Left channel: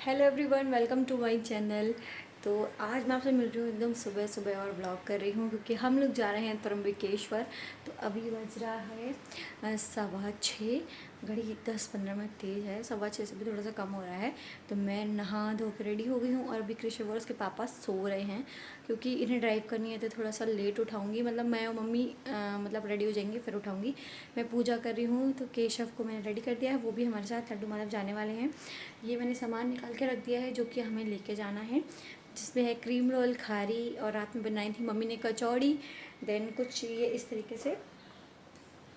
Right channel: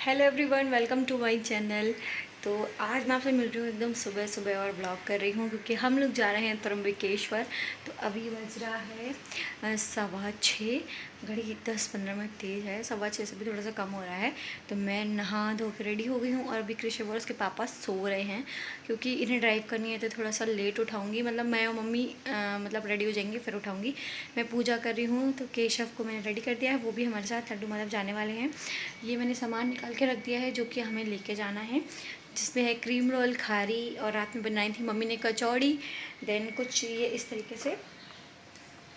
Hello everyone, welcome to my channel. तो आज मैं आपसे मिल रही हूँ एकदम सुबह सुबह और ब्लॉग कर रही हूँ क्योंकि हम लोग जा रहे हैं त्र्यंबकेश्वर। तो अभी बज रहा है 6:15। घड़ी 10-15 मिनट तेज़ है, 6:15 से भी थोड़ा सा कम हो रहा है। तो मैं नहा धो के रेडी हो गई हूँ और अभी कृषि और उसके पापा सो रहे हैं क्योंकि इन्हें ड्राइव करनी है तो थोड़ा सा लेट उठाऊँगी। मतलब मैं और मम्मी मतलब रेडी हो जाएंगी फिर उठाऊँगी। मैं पूजा कर रही हूँ तो केशव को मैंने रेडी कर दिया है, वो भी हमारे साथ लड्डू माधव जाने वाले हैं। ये मैंने सामान निकाल के रख दिया है जो कि हमें लेके जाना है, जिसमें है क्रीम रोल, खारी, और रात में बनाई थी मम्मी ने कचौड़ी। देन कुछ ये इस तरीके से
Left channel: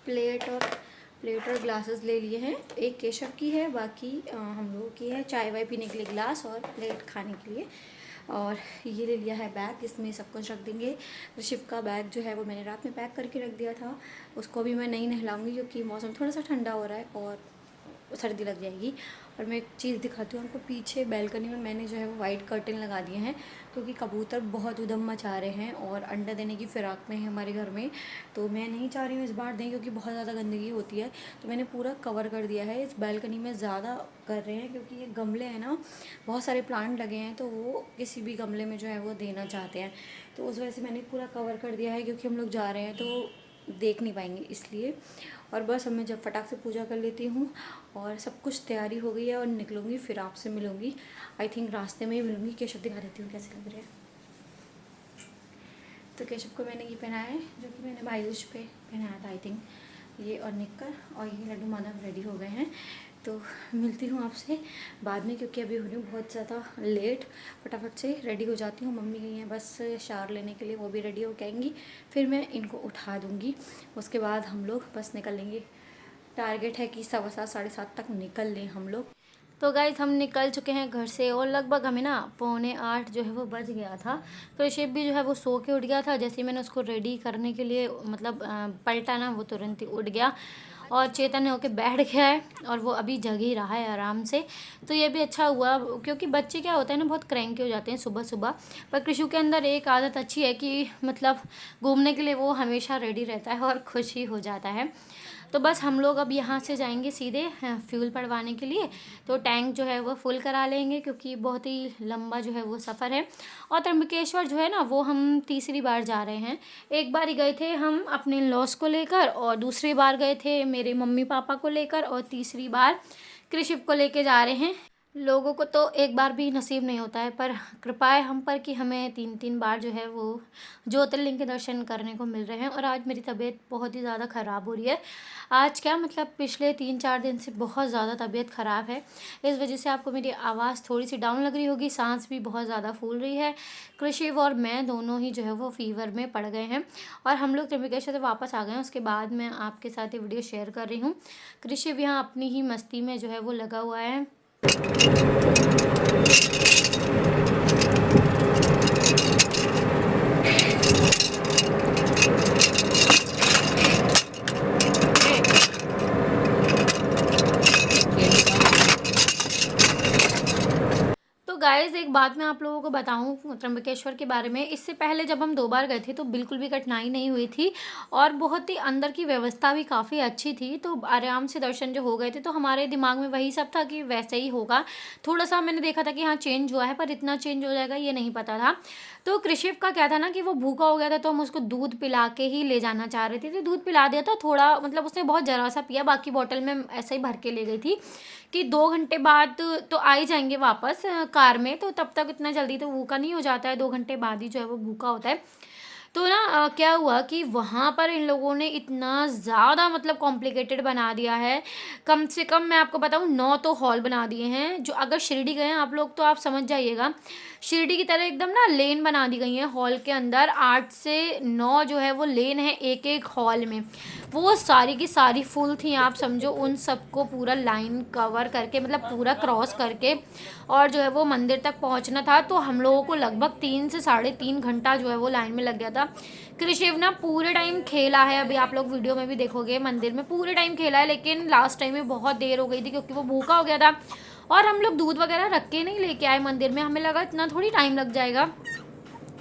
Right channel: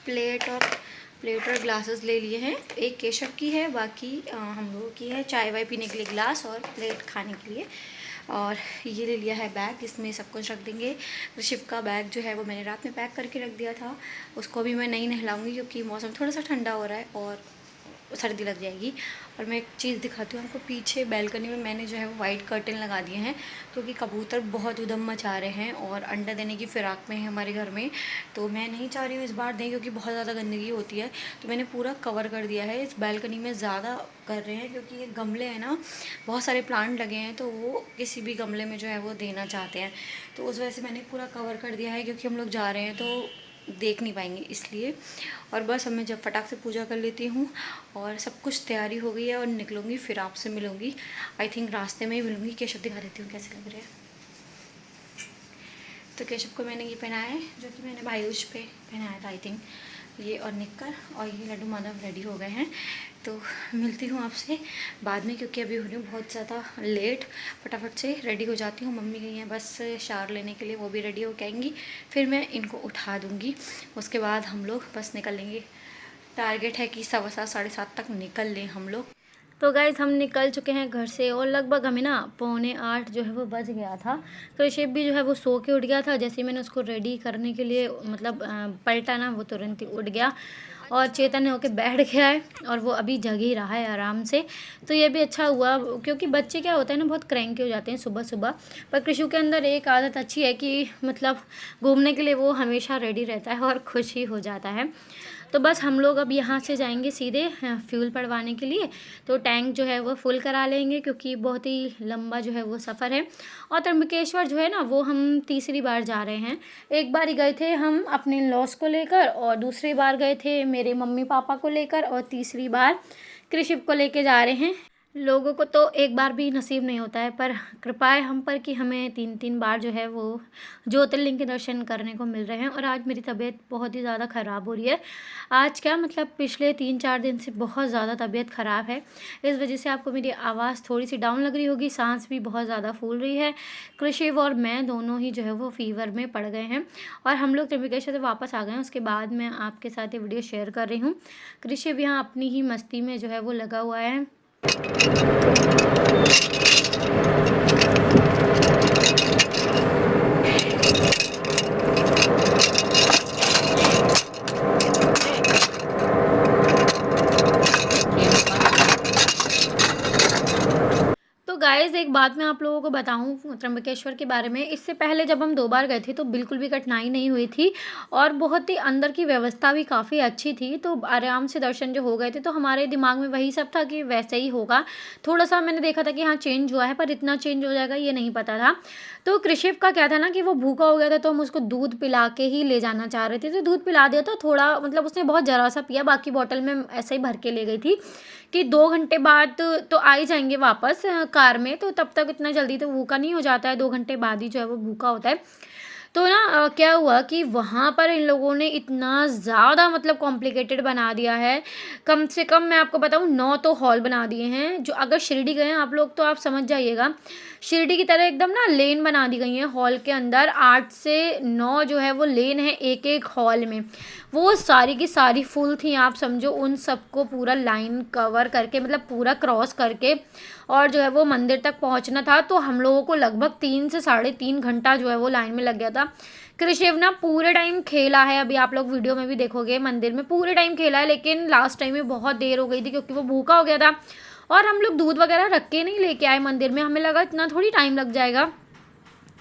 प्लेट और ग्लासेस ले लिए हैं। तो एक केशव की है, बाकी हम लोगों की है चाय वाय पीने के लिए ग्लास और प्लेट खाने के लिए। और ये ले लिया है बैग, इसमें सब कुछ रख देंगे। ऋषिव का बैग जो है वो मैंने रात में पैक करके रख दिया था, उसको भी मैं नहीं नहलाऊंगी क्योंकि मौसम थोड़ा सा ठंडा हो रहा है और सर्दी लग जाएगी। और मैं एक चीज़ दिखाती हूँ आपको, पीछे बैल्कनी में मैंने जो है वो वाइट कर्टन लगा दिए हैं क्योंकि कबूतर बहुत उधम मचा रहे हैं और अंडा देने की फ़िराक में है हमारे घर में। तो मैं नहीं चाह रही हूँ इस बार दें क्योंकि बहुत ज़्यादा गंदगी होती है। तो मैंने पूरा कवर कर दिया है। इस बैल्कनी में ज़्यादा कर रहे हैं क्योंकि ये गमले हैं ना, बहुत सारे प्लांट लगे हैं तो वो किसी भी गमले में जो है वो देना चाहते हैं। तो उस वजह से मैंने पूरा कवर कर दिया है क्योंकि हम लोग जा रहे हैं तो देख नहीं पाएंगे इसलिए। और बस अब मैं जब फटाक से पूजा कर लेती हूँ और सब कुछ तैयारी हो गई है और निकलूँगी, फिर आपसे मिलूँगी। आई थिंक रास्ते में ही मिलूँगी। केशव दिखा देती हूँ कैसे लग रहे हैं। तो केशव को मैंने ये पहनाया है जो कि मैंने भाईदूज पे पहनाया था आई थिंक, ये और निक्कर, और ये लड्डू माधव रेडी हो गए हैं। तो मिलती हूँ आपसे बाद में क्योंकि अभी हो रही हूँ बहुत ज़्यादा लेट। फटाफट से रेडी हो जाती हूँ। मम्मी गई हैं बस शावर लेने के लिए, वो भी रेडी होके आएंगी, फिर मैं इनको उठा दूँगी। उसके बाद हम लोग बस निकलेंगे। टारगेट है कि 7:15 7:30 तक निकल लें हम लोग। तो गाइज हम निकल चुके हैं घर से और लगभग हमें ना 7:45 जो है वो बज गया था। तो शिव भी जो है वो सो के उठ गया था। जैसे ही मैंने उसको रेडी करने के लिए मतलब पलटा ना, वो तुरंत ही उठ गया और चेतन होके बैठ गया है और वो अभी जग ही रहा है आराम से। तो ये भी अच्छा हुआ क्योंकि बच्चे क्या होता है ना, बहुत क्रैंकी हो जाते हैं सुबह सुबह। पर कृषु के अंदर एक आदत अच्छी है कि मतलब घूमने के लिए वो हमेशा रेडी रहता है और खुश ही हो जाता है। तो बस हम लोग अब यहाँ से जाएंगे सीधे फ्यूल पड़वाने के लिए। तो टैंक जो है वो फुल करा लेंगे क्योंकि बहुत ही लंबा जो है वो सफ़र है। और त्र्यंबकेश्वर जो है ना वो हम तीसरी बार जा रहे हैं। एक बार ही गए थे हम अपने लॉस को लेकर, और दूसरी बार गए थे मेरे मम्मी पापा को लेकर, और तीसरी बार कृषिव को लेके जा रहे हैं। लोगों को तो एक बार भी नसीब नहीं होता है, पर कृपा है हम पर कि हमें 3-3 बार जो है वो ज्योतिर्लिंग के दर्शन करने को मिल रहे हैं। और आज मेरी तबीयत बहुत ही ज़्यादा ख़राब हो रही है। आज क्या मतलब पिछले 3-4 दिन से बहुत ज़्यादा तबीयत ख़राब है। इस वजह से आपको मेरी आवाज़ थोड़ी सी डाउन लग रही होगी, सांस भी बहुत ज़्यादा फूल रही है। कृषिव और मैं दोनों ही जो है वो फीवर में पड़ गए हैं और हम लोग त्र्यंबकेश्वर से वापस आ गए हैं। उसके बाद मैं आपके साथ ये वीडियो शेयर कर रही हूँ। कृषिव यहाँ अपनी ही मस्ती में जो है वो लगा हुआ है। तो गाइज़ एक बात मैं आप लोगों को बताऊं त्र्यंबकेश्वर के बारे में, इससे पहले जब हम 2 बार गए थे तो बिल्कुल भी कठिनाई नहीं हुई थी और बहुत ही अंदर की व्यवस्था भी काफ़ी अच्छी थी। तो आराम से दर्शन जो हो गए थे। तो हमारे दिमाग में वही सब था कि वैसे ही होगा। थोड़ा सा मैंने देखा था कि हाँ चेंज हुआ है, पर इतना चेंज हो जाएगा ये नहीं पता था। तो कृषिव का क्या था ना कि वो भूखा हो गया था, तो हम उसको दूध पिला के ही ले जाना चाह रहे थे। तो दूध पिला दिया था थोड़ा, मतलब उसने बहुत ज़रा सा पिया, बाकी बॉटल में ऐसे ही भर के ले गई थी कि 2 घंटे बाद तो आ ही जाएंगे वापस कार में। तो तब तक इतना जल्दी तो भूखा नहीं हो जाता है, 2 घंटे बाद ही जो है वो भूखा होता है। तो ना क्या हुआ कि वहाँ पर इन लोगों ने इतना ज़्यादा मतलब कॉम्प्लिकेटेड बना दिया है। कम से कम मैं आपको बताऊँ 9 तो हॉल बना दिए हैं। जो अगर शिरडी गए हैं आप लोग तो आप समझ जाइएगा, शिरडी की तरह एकदम ना लेन बना दी गई है हॉल के अंदर। 8 से 9 जो है वो लेन है एक एक हॉल में। वो सारी की सारी फुल थी, आप समझो उन सबको पूरा लाइन कवर करके मतलब पूरा क्रॉस करके और जो है वो मंदिर तक पहुंचना था। तो हम लोगों को लगभग 3 से 3.5 घंटा जो है वो लाइन में लग गया था। कृषिव ना पूरे टाइम खेला है, अभी आप लोग वीडियो में भी देखोगे मंदिर में पूरे टाइम खेला है, लेकिन लास्ट टाइम में बहुत देर हो गई थी क्योंकि वो भूखा हो गया था। और हम लोग दूध वगैरह रख के नहीं लेके आए मंदिर में, हमें लगा इतना थोड़ी टाइम लग जाएगा।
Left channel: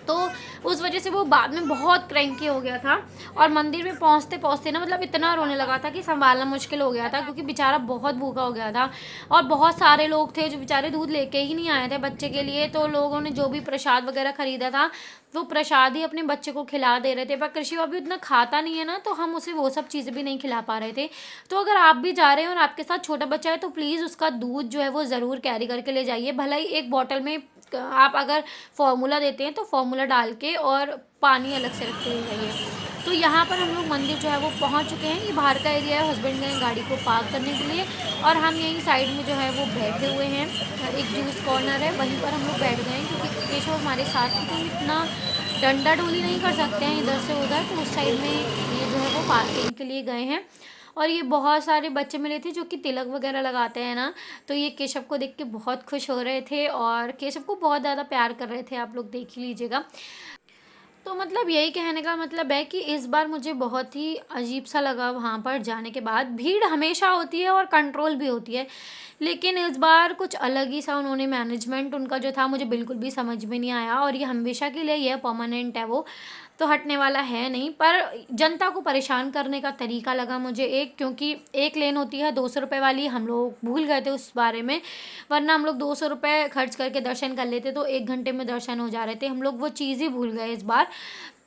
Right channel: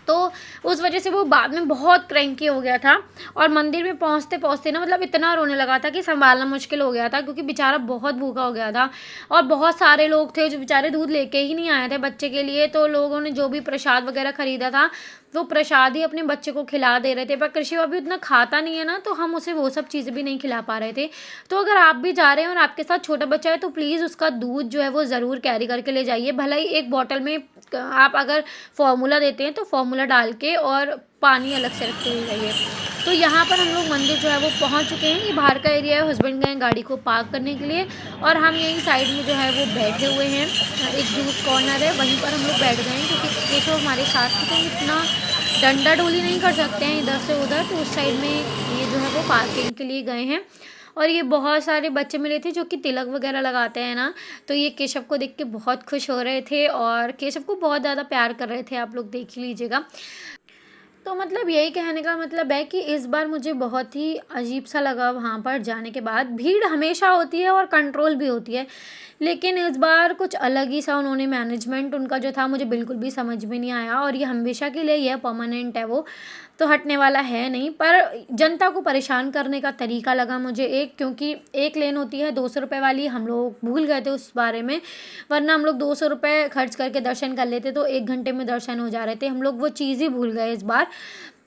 तो उस वजह से वो बाद में बहुत क्रैंकी हो गया था और मंदिर में पहुंचते पहुंचते ना मतलब इतना रोने लगा था कि संभालना मुश्किल हो गया था, क्योंकि बेचारा बहुत भूखा हो गया था और बहुत सारे लोग थे जो बेचारे दूध लेके ही नहीं आए थे बच्चे के लिए। तो लोगों ने जो भी प्रसाद वगैरह खरीदा था वो प्रसाद ही अपने बच्चे को खिला दे रहे थे, पर कृषि अभी उतना खाता नहीं है ना, तो हम उसे वो सब चीज़ें भी नहीं खिला पा रहे थे। तो अगर आप भी जा रहे हैं और आपके साथ छोटा बच्चा है तो प्लीज़ उसका दूध जो है वो ज़रूर कैरी करके ले जाइए। भला ही एक बॉटल में आप अगर फार्मूला देते हैं तो फार्मूला डाल के और पानी अलग से रख के ले जाइए। तो यहाँ पर हम लोग मंदिर जो है वो पहुँच चुके हैं। ये बाहर का एरिया है, हस्बैंड गए गाड़ी को पार्क करने के लिए और हम यहीं साइड में जो है वो बैठे हुए हैं। एक जूस कॉर्नर है, वहीं पर हम लोग बैठ गए हैं, क्योंकि देखो हमारे साथ में तो इतना डंडा डोली नहीं कर सकते हैं इधर से उधर, तो उस साइड में ये जो है वो पार्किंग के लिए गए हैं। और ये बहुत सारे बच्चे मिले थे जो कि तिलक वगैरह लगाते हैं ना, तो ये केशव को देख के बहुत खुश हो रहे थे और केशव को बहुत ज़्यादा प्यार कर रहे थे, आप लोग देख ही लीजिएगा। तो मतलब यही कहने का मतलब है कि इस बार मुझे बहुत ही अजीब सा लगा वहाँ पर जाने के बाद। भीड़ हमेशा होती है और कंट्रोल भी होती है, लेकिन इस बार कुछ अलग ही सा उन्होंने मैनेजमेंट उनका जो था मुझे बिल्कुल भी समझ में नहीं आया। और ये हमेशा के लिए ये परमानेंट है, वो तो हटने वाला है नहीं, पर जनता को परेशान करने का तरीका लगा मुझे एक, क्योंकि एक लेन होती है 200 रुपये वाली, हम लोग भूल गए थे उस बारे में, वरना हम लोग 200 रुपये खर्च करके दर्शन कर लेते तो 1 घंटे में दर्शन हो जा रहे थे। हम लोग वो चीज़ ही भूल गए इस बार।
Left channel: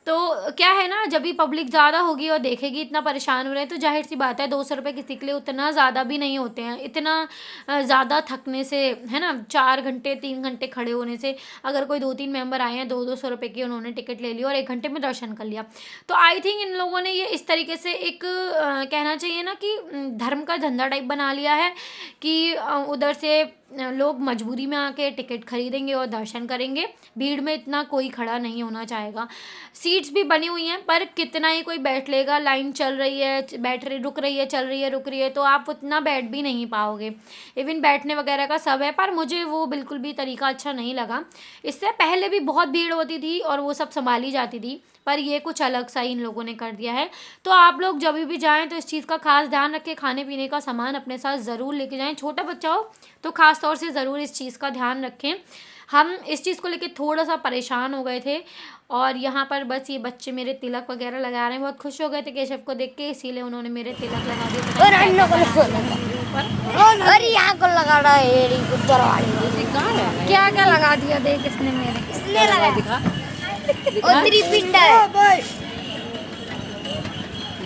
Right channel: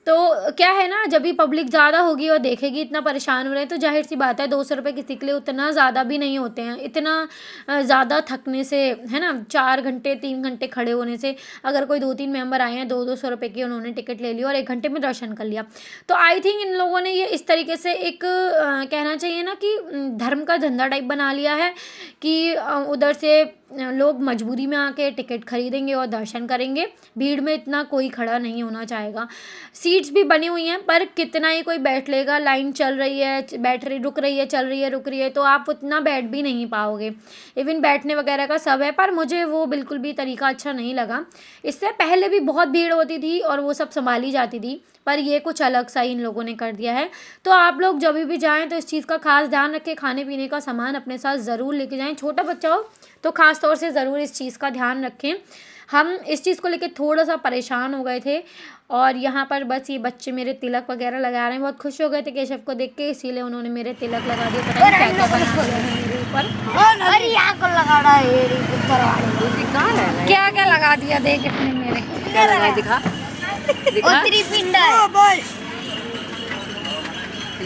तो क्या है ना, जब भी पब्लिक ज़्यादा होगी और देखेगी इतना परेशान हो रहे हैं तो जाहिर सी बात है 200 रुपये किसी के लिए उतना ज़्यादा भी नहीं होते हैं। इतना ज़्यादा थकने से, है ना, 4 घंटे 3 घंटे खड़े होने से, अगर कोई 2-3 मेंबर आए हैं 200 रुपये की उन्होंने टिकट ले ली और 1 घंटे में दर्शन कर लिया, तो आई थिंक इन लोगों ने ये इस तरीके से एक कहना चाहिए ना कि धर्म का धंधा टाइप बना लिया है कि उधर से लोग मजबूरी में आके टिकट खरीदेंगे और दर्शन करेंगे। भीड़ में इतना कोई खड़ा नहीं होना चाहेगा। सीट्स भी बनी हुई हैं, पर कितना ही कोई बैठ लेगा, लाइन चल रही है, बैठ रही रुक रही है, चल रही है रुक रही है, तो आप उतना बैठ भी नहीं पाओगे। इवन बैठने वगैरह का सब है, पर मुझे वो बिल्कुल भी तरीका अच्छा नहीं लगा। इससे पहले भी बहुत भीड़ होती थी और वो सब संभाली जाती थी, पर ये कुछ अलग सा ही इन लोगों ने कर दिया है। तो आप लोग जब भी जाएँ तो इस चीज़ का खास ध्यान रखें, खाने पीने का सामान अपने साथ ज़रूर लेके जाएँ। छोटा बच्चा हो तो ख़ास तौर से ज़रूर इस चीज़ का ध्यान रखें। हम इस चीज़ को लेके थोड़ा-सा परेशान हो गए थे और यहाँ पर बस ये बच्चे मेरे तिलक वगैरह लगा रहे हैं। बहुत खुश हो गए थे केशव को देख के, इसीलिए उन्होंने मेरे तिलक लगा दिए। पता नहीं क्या-क्या बना दिया है मेरे ऊपर। अरे यहाँ को लगा रहा है ये क्या-क्या लगा दिया देख इसने मेरे। क्या लगा दिखा दिखा त्रिपिंड है,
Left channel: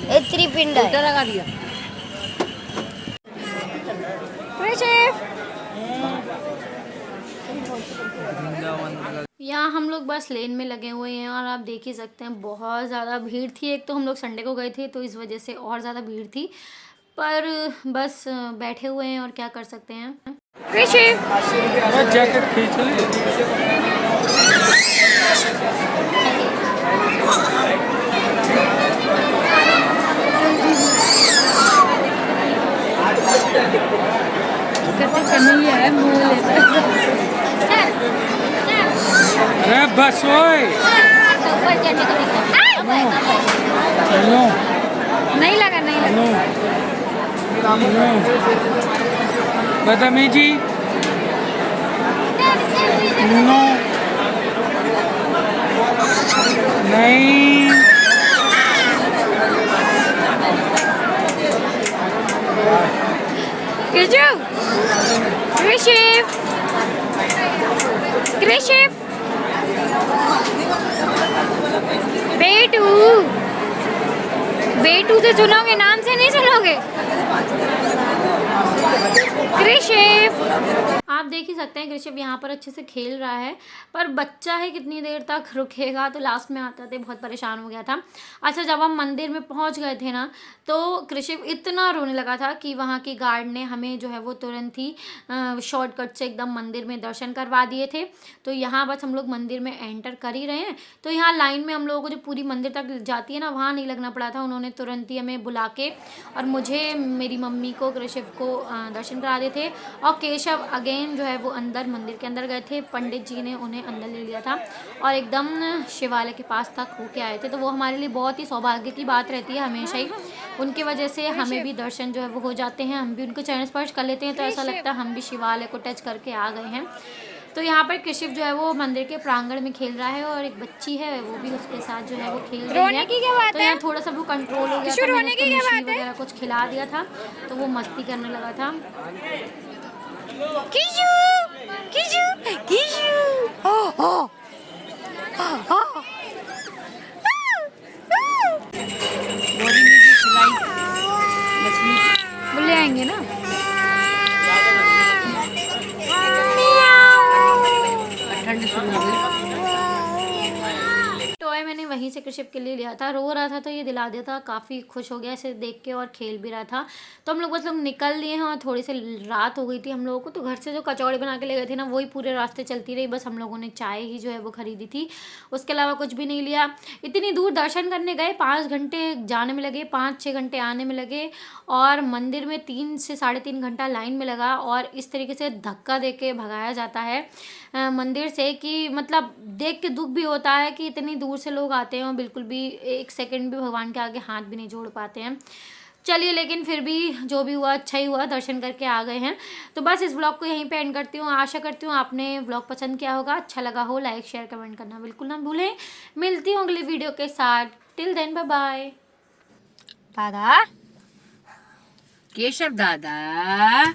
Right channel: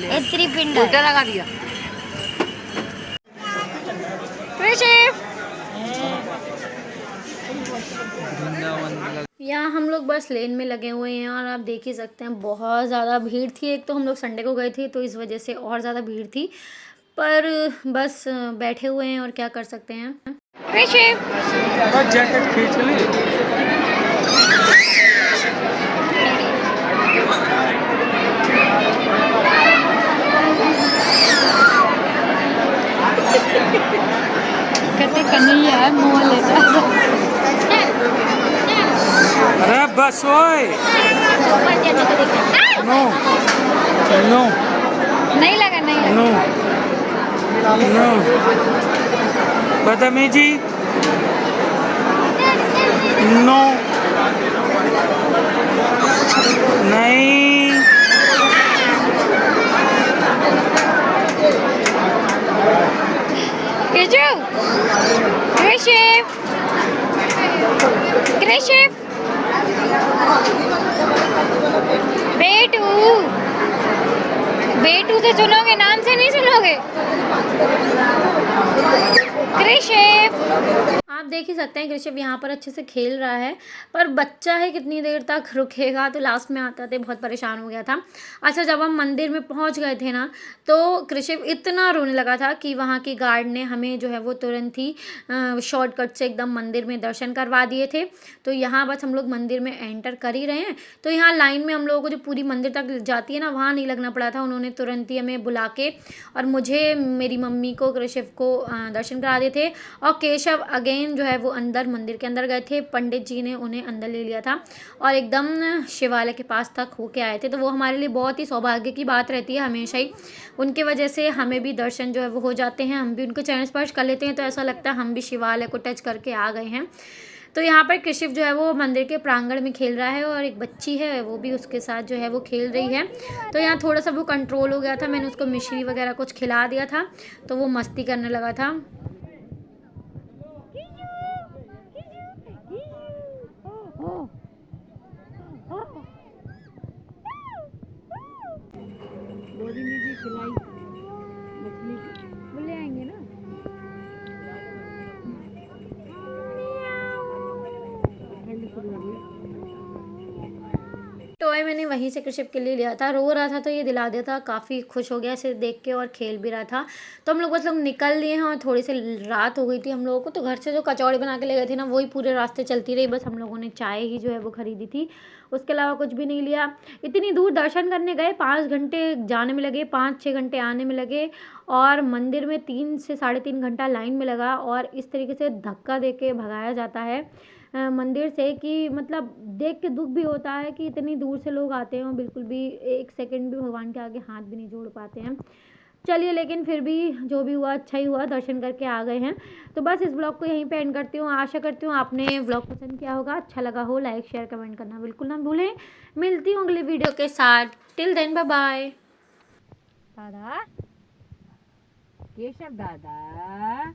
ये त्रिपिंड है। उल्टा लगा दिया। यहाँ हम लोग बस लेन में लगे हुए हैं और आप देख ही सकते हैं बहुत ज़्यादा भीड़ थी। एक तो हम लोग संडे को गए थे तो इस वजह से और ज़्यादा भीड़ थी, पर बस बैठे हुए हैं और क्या कर सकते हैं। बस जैकेट खींच ली। कहते कन्हैया है मोह लेता अरे बस ओए नो नो नहीं लगा, नहीं लगा। नो नो बदतमीजी नो नहीं कृषिव बेटू, बेटू से सुनोगे, नाम से नहीं सुनोगे। कृषिव आप देख ही सकते हैं कृषिव यहाँ पर अच्छे से खेल रहा है, पर बच्चा है कितनी देर तक रुकेगा, तो लास्ट में आता थे बहुत परेशान हो गया था। अच्छा, जब हम मंदिर में पहुँच गए थे ना तो कृषिव इतना रोने लगा था कि वहाँ की गार्ड ने हमें जो है वो तुरंत ही शॉर्टकट से एकदम मंदिर में दर्शन करवा दिए थे। तो यहाँ बस हम लोग मंदिर में एंटर कर ही रहे हैं, तो यहाँ लाइन में हम लोगों को जो पूरी मंदिर तक जाती है ना, वहाँ नहीं लगना पड़ा था। उन्होंने तुरंत ही हमें बुला के और मुझे, मेरी मम्मी को, कृषिव को दर्शन करा दिए थे। और केशव अगेन जो है वो अंदर मंदिर के अंदर गए थे, पंडित जी ने उन्हें अंदर ले लिया था और एकदम शिवालय के पास तक होके आए थे। तो वो हमारे लिए बहुत ही सौभाग्य की बात रहती है हमेशा ही, उनके वजह से हमें भी दर्शन जो है वो हो जाते हैं, हम भी उनको चरण स्पर्श कर लेते हैं, तो ऐसा लगता है हम भी शिवालय को टच करके आ गए हैं। तो यहाँ पर कृषिव जो है वो मंदिर के प्रांगण में खेल रहा है और एक बच्ची है वो भी उसके साथ जो है वो खेल रही है। तो यहाँ थोड़ा सा वो कंट्रोल हो गया था, मैंने उसको मिश्री वगैरह कुछ खिला दिया था तो वो मस्ती करने लगा था। वो ले आएंगे ना। टॉय मैंने वहीं से कृषिप के लिए लिया था, रो रहा था तो ये दिला दिया था, काफ़ी खुश हो गया इसे देख के और खेल भी रहा था। तो हम लोग बस लोग निकल लिए हैं और थोड़ी सी रात हो गई थी हम लोगों को, तो घर से जो कचौड़ी बना के ले गए थे ना वही पूरे रास्ते चलती रही, बस हम लोगों ने चाय ही जो है वो खरीदी थी, उसके अलावा कुछ भी नहीं लिया। इतनी दूर दर्शन करने गए, 5 घंटे जाने में लगे, 5-6 घंटे आने में लगे और मंदिर में 3 से 3.5 घंटा लाइन में लगा। और इस तरीके से धक्का दे के भगाया जाता है मंदिर से कि मतलब देख के दुख भी होता है कि इतनी दूर से लोग आते हैं और बिल्कुल भी 1 सेकंड भी भगवान के आगे हाथ भी नहीं जोड़ पाते हैं। चलिए, लेकिन फिर भी जो भी हुआ अच्छा ही हुआ, दर्शन करके आ गए हैं। तो बस इस व्लॉग को यहीं पे एंड करती हूँ। आशा करती हूँ आपने व्लॉग पसंद किया होगा, अच्छा लगा हो, लाइक शेयर कमेंट करना बिल्कुल ना भूलें। मिलती हूँ अगली वीडियो के साथ, टिल देन बाय बाय। दादा, केशव दादा।